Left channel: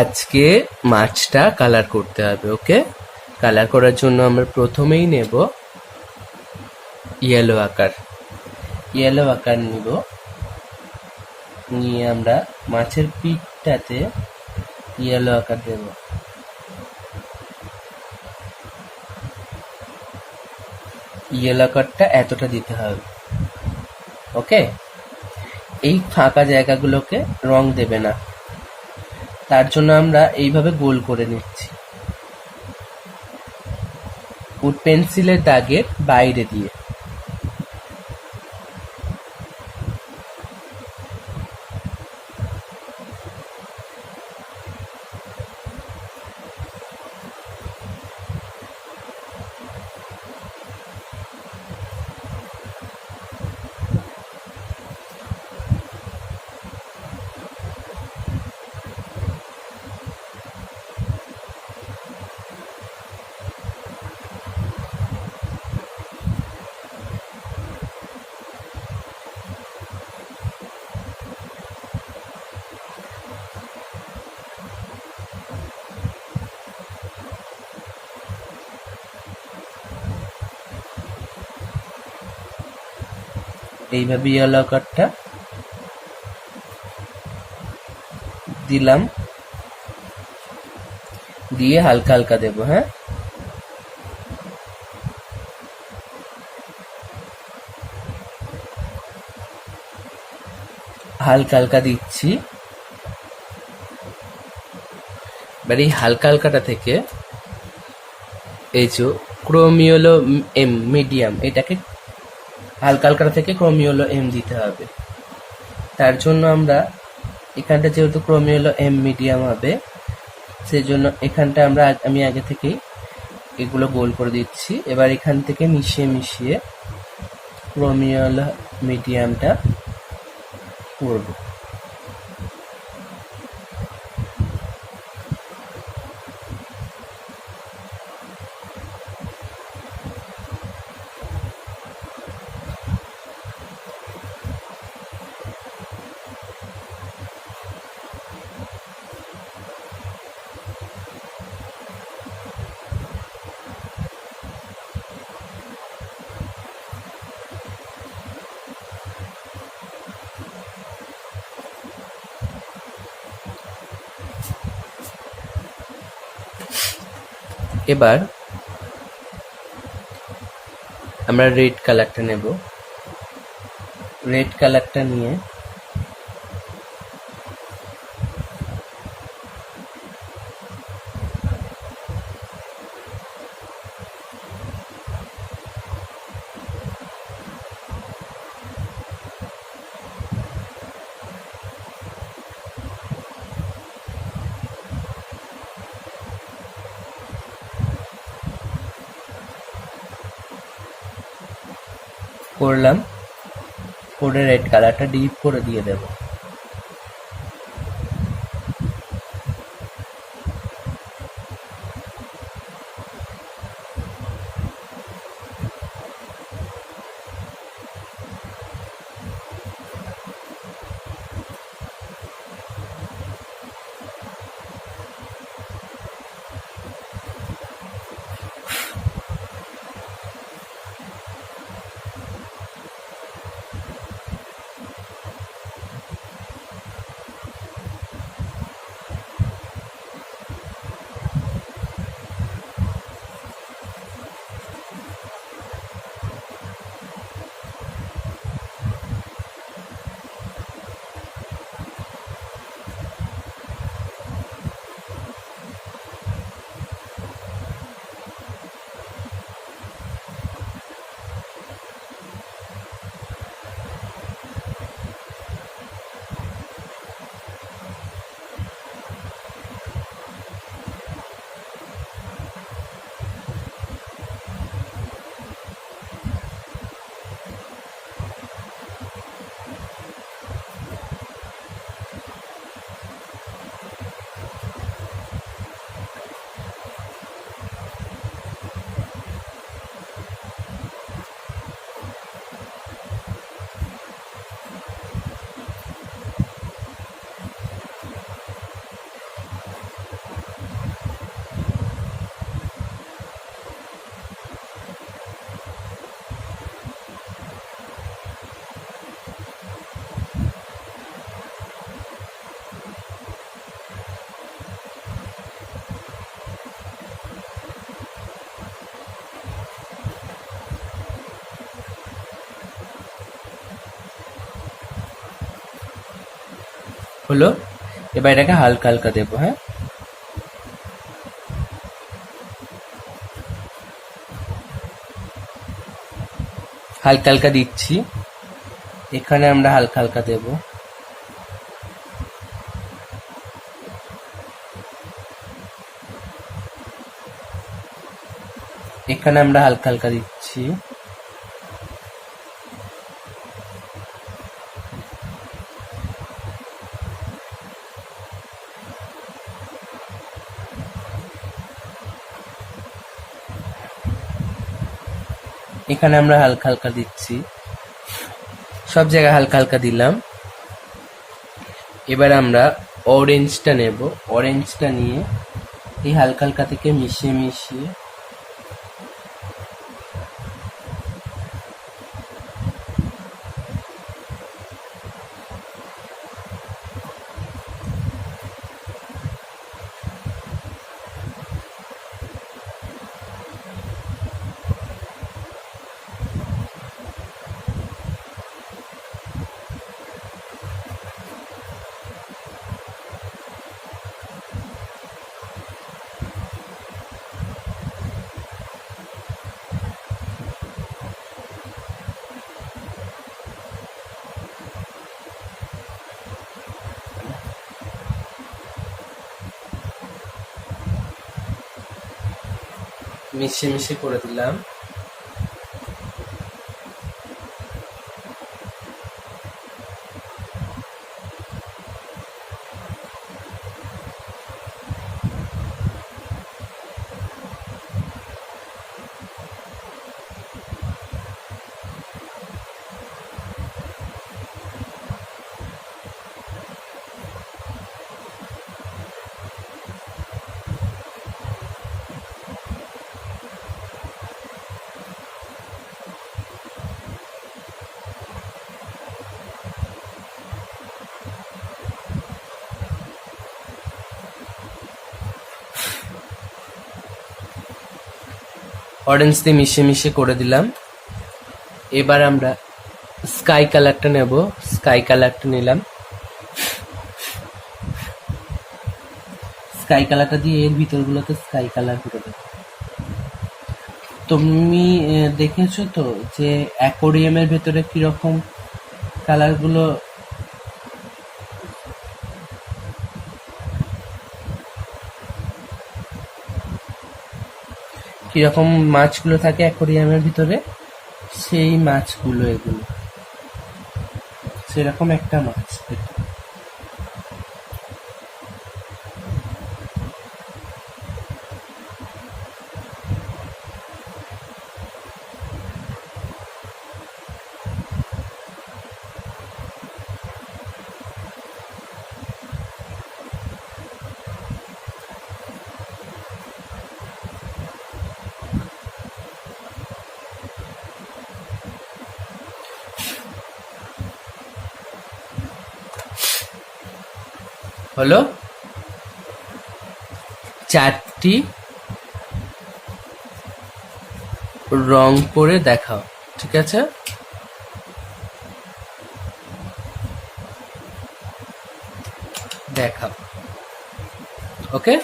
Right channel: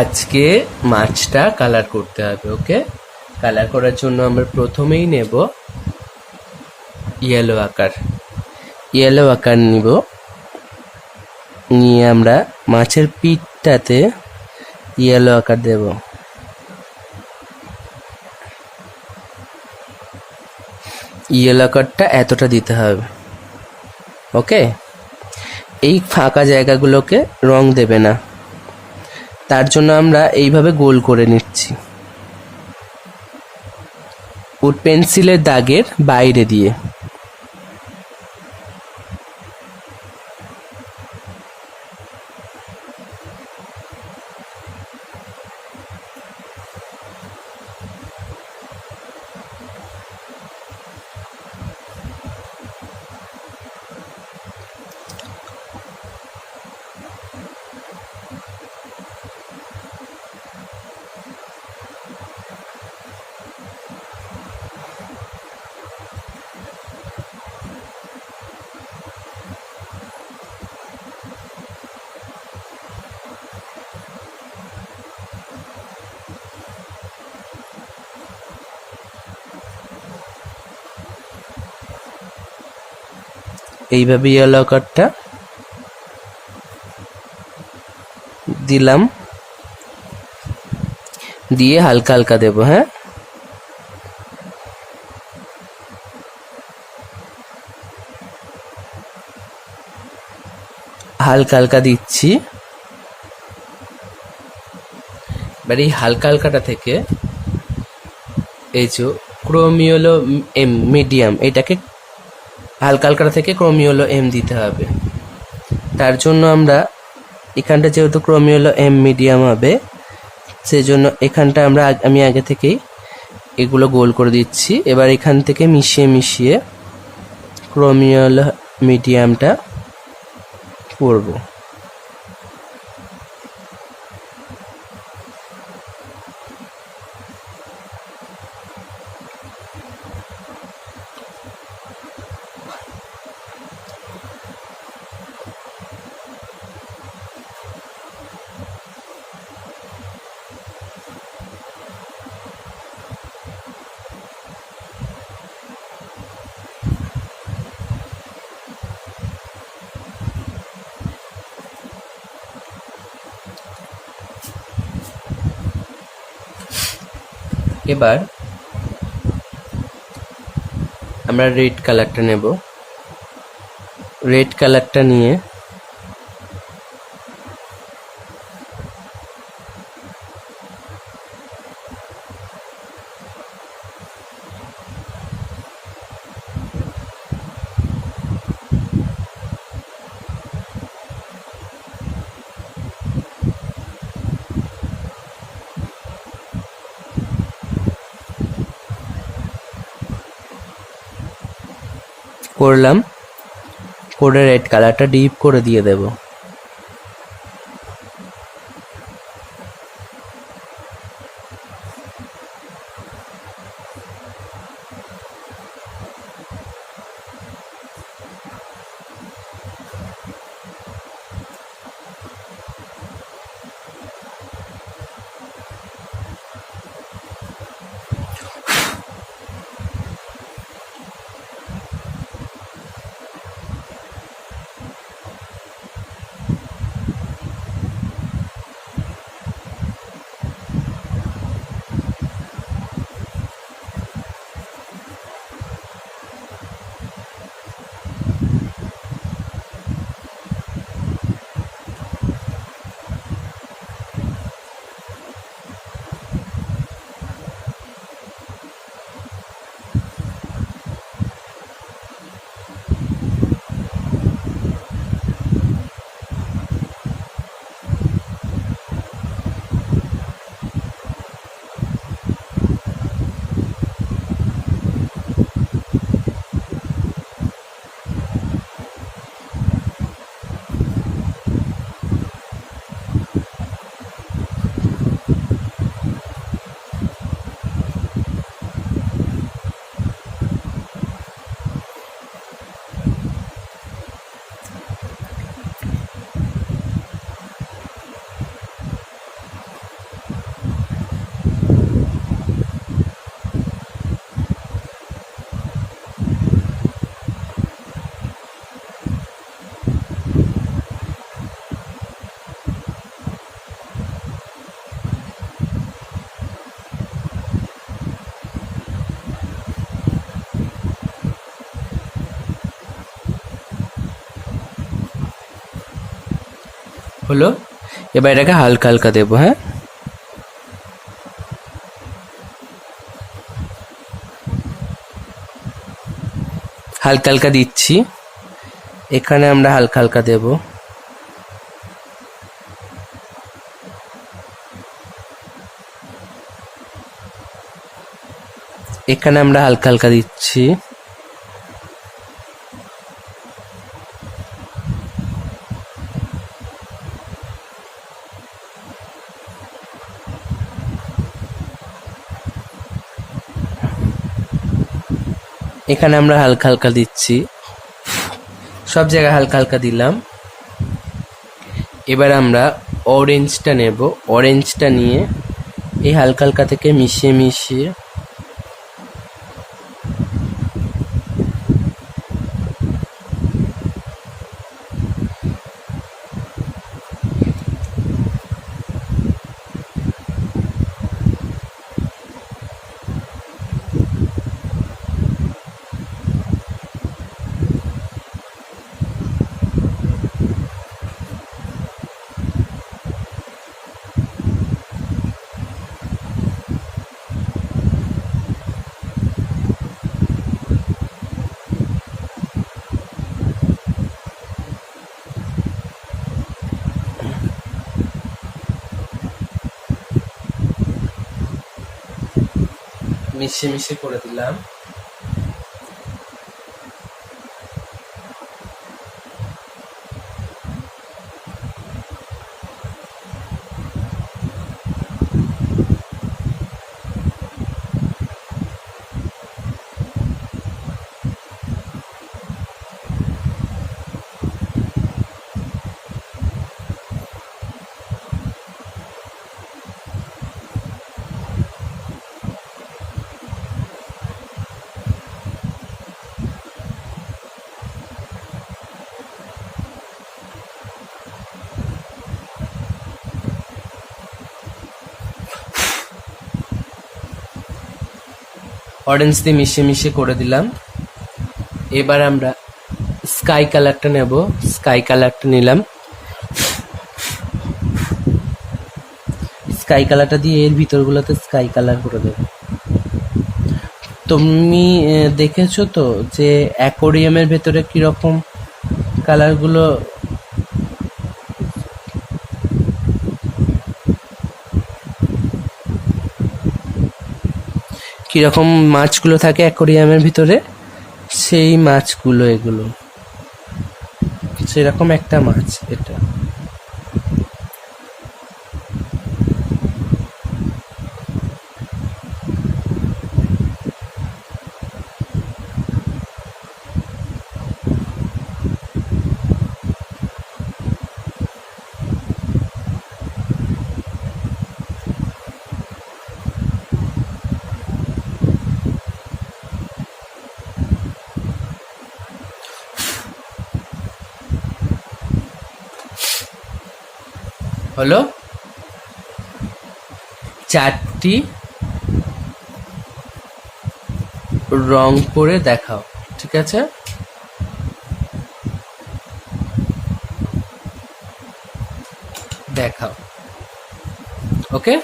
আজকে মাছটা কালার করতে হবে। ওকে, কালার করার জন্য আমরা প্রথমেই নেব ইয়েলো আকার নিব। নিয়ে আমরা মাছের পিঠটাতে ইয়েলো আকার দেব। ইয়েলো আকারটা এতটা দিতে হবে। ওকে, এই ফাঁকা জায়গাগুলোকে রং দেবে না, তার জন্য আমরা এইভাবে গোল করে নিচ্ছি উড পেন্সিলের দাগের বাইরে দিয়ে। এইভাবে ইয়েলো কার্ডটা দিলাম, দিয়ে হালকা হালকা দেব। হ্যাঁ, হালকা হালকা দিচ্ছি। এবার এই হালকা হালকাটা থেকে এই যে ক্রোমিওলো এম মিডিয়াম, এটাকে হালকা হালকাটা থেকে ক্রোমিওলো এম দিতে হবে। তার জন্য আমরা এখানটা যেহেতু ক্রোমিওলো এম মিডিয়াম হবে, সেজন্য এখানটা আমি আগে থেকেই এগুলো গোল করে দিচ্ছি। এবার এখান থেকে মিশিয়ে মিশিয়ে ক্রোমিওলো মিডিয়ামটা করব। এবার আমরা রেড কালারটা নেব। রেড কালারটা নিয়ে করলাম, করে রেড কালারটা ডিপ করে দিয়ে দেব। হলো। এবার এটাকে হালকা হালকা দেবো। হ্যাঁ, হালকা হালকা দিচ্ছি। এখানে আমরা হালকা হালকা দেব। এখানে আমরা হালকা হালকা দিচ্ছি। এখানে আমরা হালকা হালকা দিচ্ছি। সব জায়গায় হালকা হালকা দিলাম। এবার আমরা অরেঞ্জটা নেব। অরেঞ্জটা নিয়ে এই হালকা হালকা থেকে মিশিয়ে মিশিয়ে মিশিয়ে মিশিয়ে করে দিলাম। অরেঞ্জ দিয়ে মিশিয়ে মিশিয়ে করে দিলাম। এবার আমরা স্কাই কালারটা নেব। স্কাই কালারটা নিলাম। স্কাই কালারটা দিয়ে এর ভিতরগুলোতে স্কাই কালার করে দেব। তুমি দেখেছো তো যে অ্যাকোরিয়ামের ভেতরে কিরকম কালারগুলো কিরকম মাছগুলো থাকে অ্যাকোরিয়ামের ভিতরে, সেই মাছগুলো এগুলো, সেরকম একটা মাছ এটা। হলো, চারটি রং করে দেখাও। ঠিক আছে, দেখাও। ওকে।